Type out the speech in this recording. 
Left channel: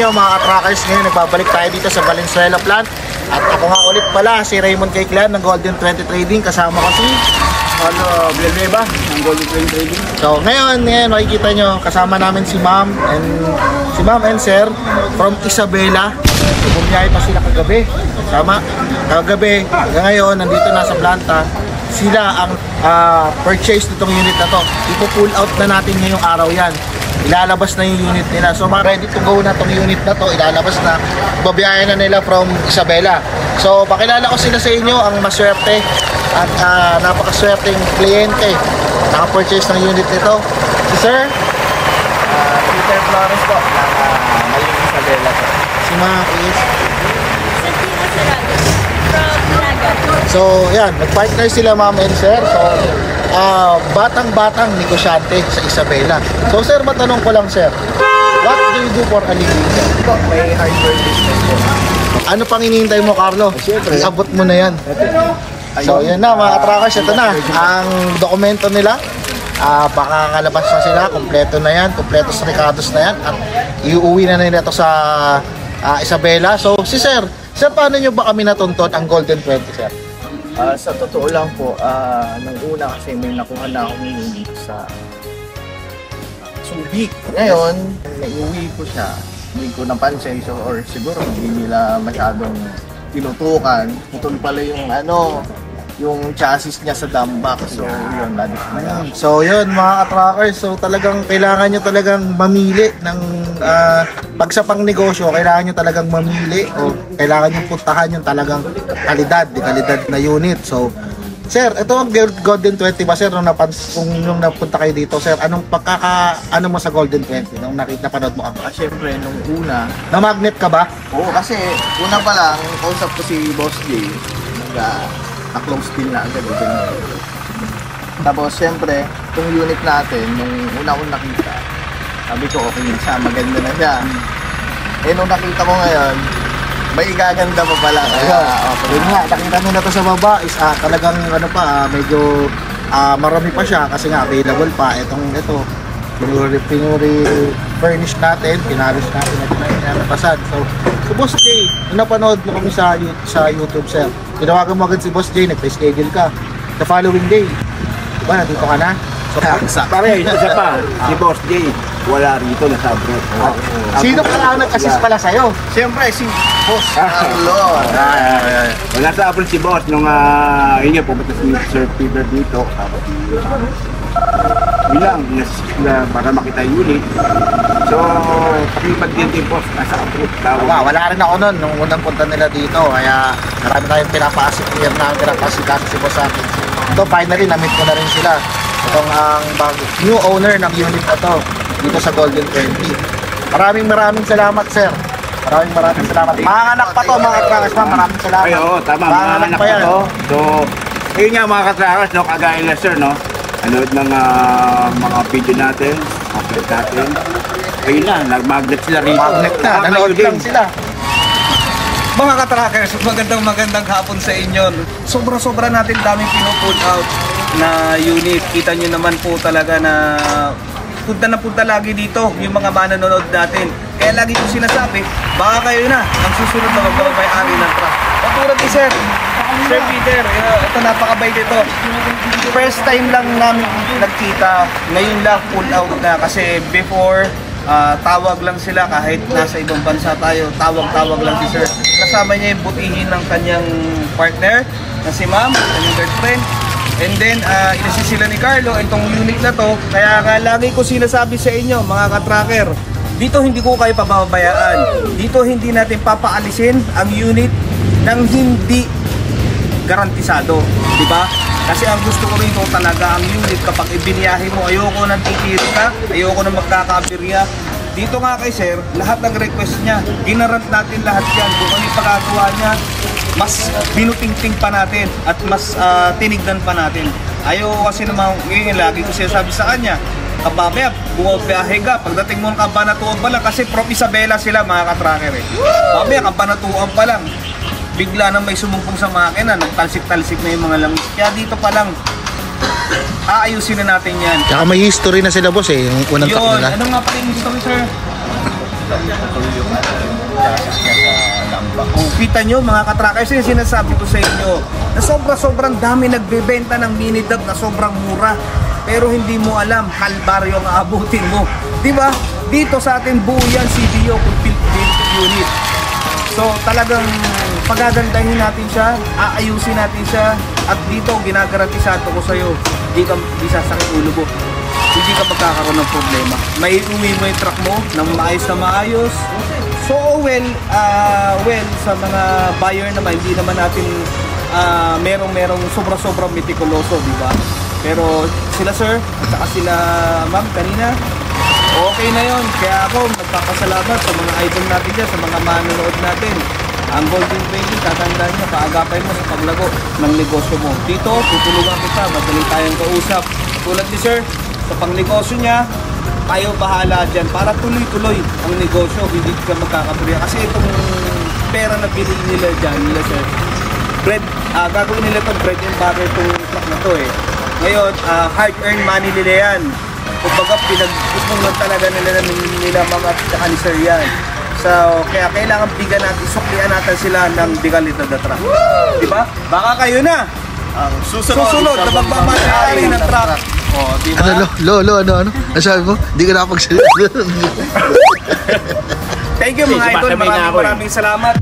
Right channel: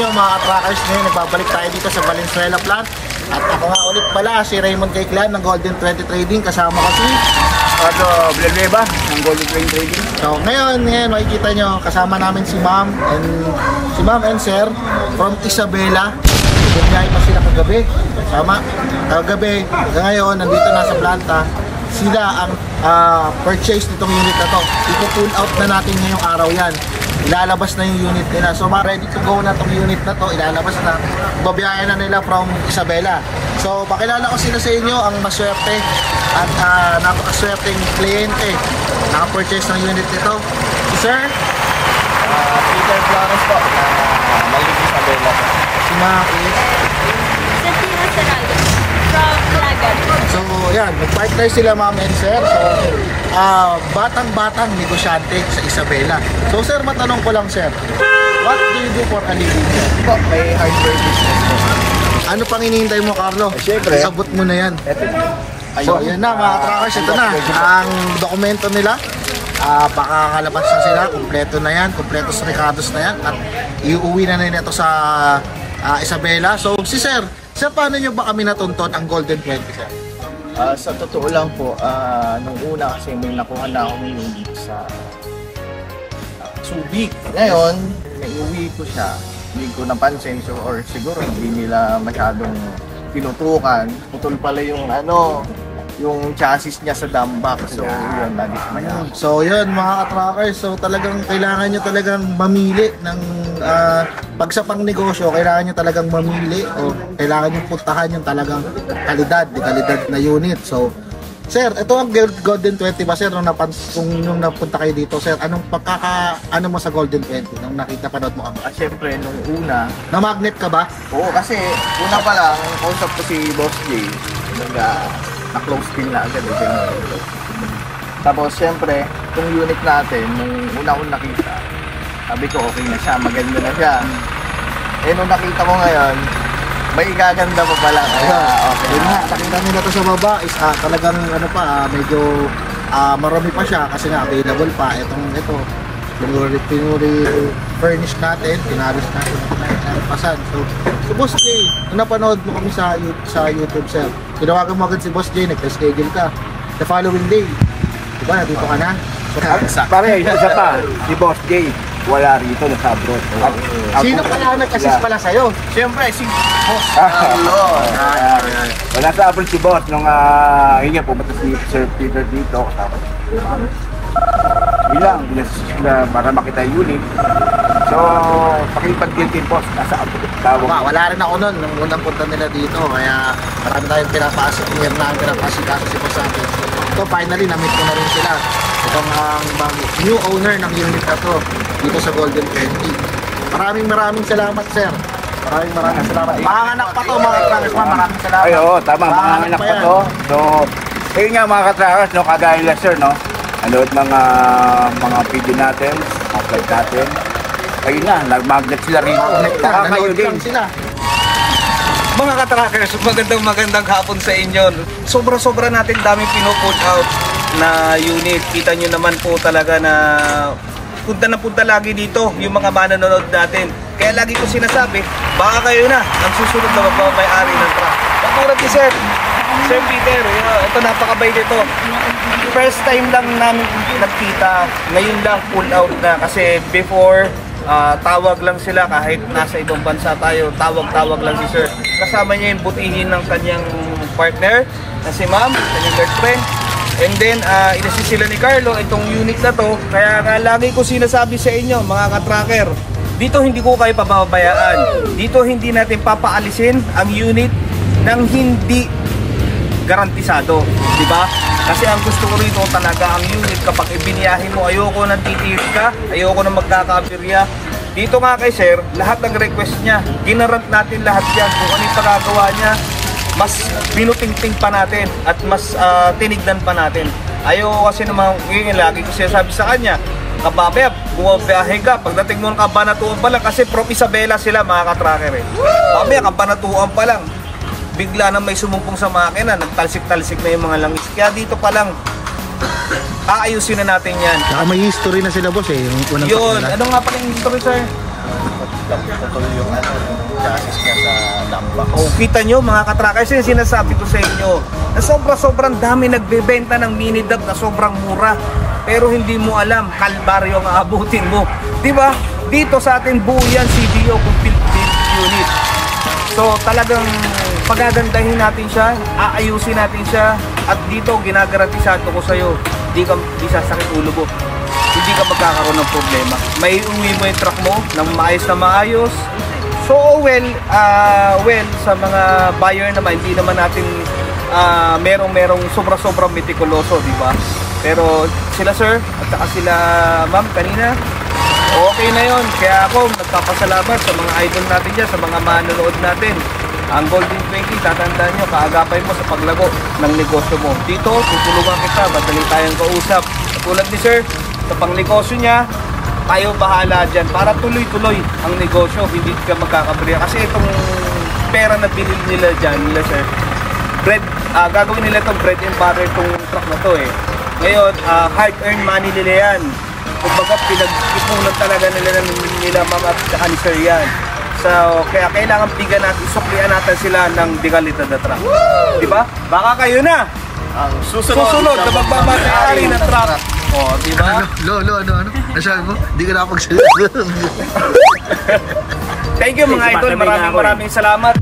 inyo mga ka-trackers. Ngayon nagbabalik tayo dito sa Valenzuela plant. At ako nga ulit pala si Raymond K. Clan ng Golden 20 Trading. Kasama ko si Villanueva ng Golden 20 Trading. So ngayon makikita nyo kasama namin si ma'am and sir from Isabela. Bumiyahe pa sila kagabi. Sama kagabi hanggang ngayon nandito na sa planta. Sila ang purchase nitong unit na to. Ipo-pull out na natin ngayong araw yan. Ilalabas na yung unit nila. So ready to go na tong unit na to. Ilalabas na. Babiyahe na nila from Isabela. So pakilala ko sila sa inyo, ang maswerte at napakaswerteng kliyente naka-purchase ng unit nito. Si Sir Peter Flores po ng Maling Isabela po. Si mga is Santina Saraga from Lagat. So yan, nag-partner sila ma'am and sir. So batang-batang negosyante sa Isabela. So sir, matanong ko lang sir, what do you do for a living sir? Po, may hardware business po. Ano pang hinihintay mo Carlo? Siyempre. Abot mo na yan. So ayan na mga trackers, ito na ang dokumento nila. Baka kalabas na sila, kompleto na yan, kompleto sa Ricardos na yan at iuwi na nila ito sa Isabela. So si sir, paano nyo ba kami natunton ang Golden 20 sir? Sa totoo lang po, nung una kasi may nakuha na akong unit sa Subic. Ngayon, naiuwi ko siya. Hindi ko napansin or siguro hindi nila masyadong tinutukan. Putol pala yung yung chassis niya sa dump box. So yun, nadismaya ako. So yun mga ka-trackers, so talagang kailangan nyo talagang mamili ng pag sa pang negosyo, kailangan nyo talagang mamili o kailangan nyo puntahan yung talagang kalidad na unit. So sir, ito ang Golden 20 ba sir, nung napunta kayo dito sir, anong ano mo sa Golden 20 nung napanood mo ako? Siyempre, nung una, na-magnet ka ba? oo, kasi una pa lang, kausap ko si Boss J, na-close deal na agad. Tapos siyempre, itong unit natin, nung una kong nakita, sabi ko okay na siya, maganda na siya. Nung nakita ko ngayon, may igaganda pa pala. Okay. Yun nga, nakita nyo na to sa baba is talagang medyo marami pa siya kasi nga available pa. Ito, pinuri-furnish natin, pinaris natin at pinaratasan. So, si Boss J, napanood mo kami sa YouTube sir. Tinawagan mo agad si Boss J, nag-schedule ka. The following day, diba, nandito ka na? So, pare, isa pa, si Boss J, wala rito, nasa abroad. Sino kaya nag-assist pala sa'yo? Siyempre, si Boss Carlo. Wala sa abroad si Boss nung yun nga, pumunta si Sir Peter dito. Bilang, para makita yung unit. So, pakipag din si Boss, nasa abroad. Wala rin ako nun nung unang punta nila dito. Kaya marami tayong pinapa-assist si Boss sa akin. So, finally, na-meet ko na rin sila. Itong ang new owner ng unit na to dito sa Golden 20. Maraming salamat sir. Maraming salamat. Manganak pa to mga ka-trackers, maraming salamat. Ay, oo, tama, manganak pa to. So, ayun nga mga ka-trackers, no, kagaya na sir, no, anood mga video natin, mga vlog natin. Ayun na, nag-magnet sila rito. Nanood lang sila. Mga ka-trackers, magandang hapon sa inyo. Sobra natin daming pino-pull out na unit. Kita nyo naman po talaga na punta lagi dito yung mga manonood natin. Kaya lagi ko sinasabi, baka kayo na ang susunod na magpapay-ari ng truck. Katulad ni Sir Peter, ito napakabait ito. First time lang namin nagkita, ngayon lang pull out na kasi before tawag lang sila kahit nasa ibang bansa tayo, tawag lang si Sir. Kasama niya yung butihin ng kanyang partner na si Ma'am, kanyang girlfriend. And then, kasi sila ni Carlo, itong unit na to, kaya lagi ko sinasabi sa inyo, mga ka-tracker, dito hindi ko kayo pababayaan. Dito hindi natin papaalisin ang unit ng hindi garantisado, di ba? Kasi ang gusto ko rito talaga ang unit kapag ibiniyahe mo, ayoko nang titiri ka, ayoko nang magkakabirya. Dito nga kay Sir, lahat ng request niya, ginarant natin lahat yan. Kung ano yung pagkagawa niya, mas binutingting pa natin at mas tinignan pa natin. Ayoko kasi naman, yun lagi ko sinasabi sa kanya, kababeb, bumabiyahe ka, pagdating mo ng Kabanatuan pa lang, kasi from Isabela sila mga ka-tracker eh. Babaya, Kabanatuan pa lang, bigla na may sumumpong sa makina, nagtalsik-talsik na yung mga langis. Kaya dito pa lang, aayusin na natin yan. Kaya may history na sila boss eh, yung unang truck nila. Ano nga pa yung history sir? naputol yung chassis niya sa lambak. Oh, kita nyo mga katrackers, yung sinasabi ko sa inyo na sobrang dami nagbebenta ng mini dub na sobrang mura, pero hindi mo alam kalbaryo ang aabutin mo, di ba? Dito sa atin buo yan CDO complete build unit. So talagang pagagandahin natin siya, aayusin natin siya, at dito ginagarantisado ko sa iyo, di sasakit ulo mo, hindi ka magkakaroon ng problema. May uwi mo yung truck mo ng maayos na maayos. So well, sa mga buyer naman, hindi naman natin merong sobrang metikuloso, di ba? Pero sila sir at saka sila ma'am kanina, okay na yon. Kaya ako nagpapasalamat sa mga idol natin dyan, sa mga manonood natin. Ang Golden 20, tatandaan nyo, kaagapay mo sa paglago ng negosyo mo. Dito, tutulungan kita, madaling tayong kausap. Tulad ni sir, sa pangnegosyo niya, tayo bahala dyan para tuloy-tuloy ang negosyo, hindi ka magkakabriya. Kasi itong pera na binili nila dyan, nila sir, gagawin nila itong bread and butter itong truck na to eh. Ngayon, hard-earned money nila yan. Kumbaga, pinag-ipunan talaga nila mga tsaka ni sir yan. So, kaya kailangan bigyan natin, isuklian natin sila ng bigalita na truck. Diba? Baka kayo na Ang susunod na magmamayari ng truck. O, diba? Ano? Ang sabi mo? Hindi ka nakapagsalita. Thank you mga idol, maraming salamat.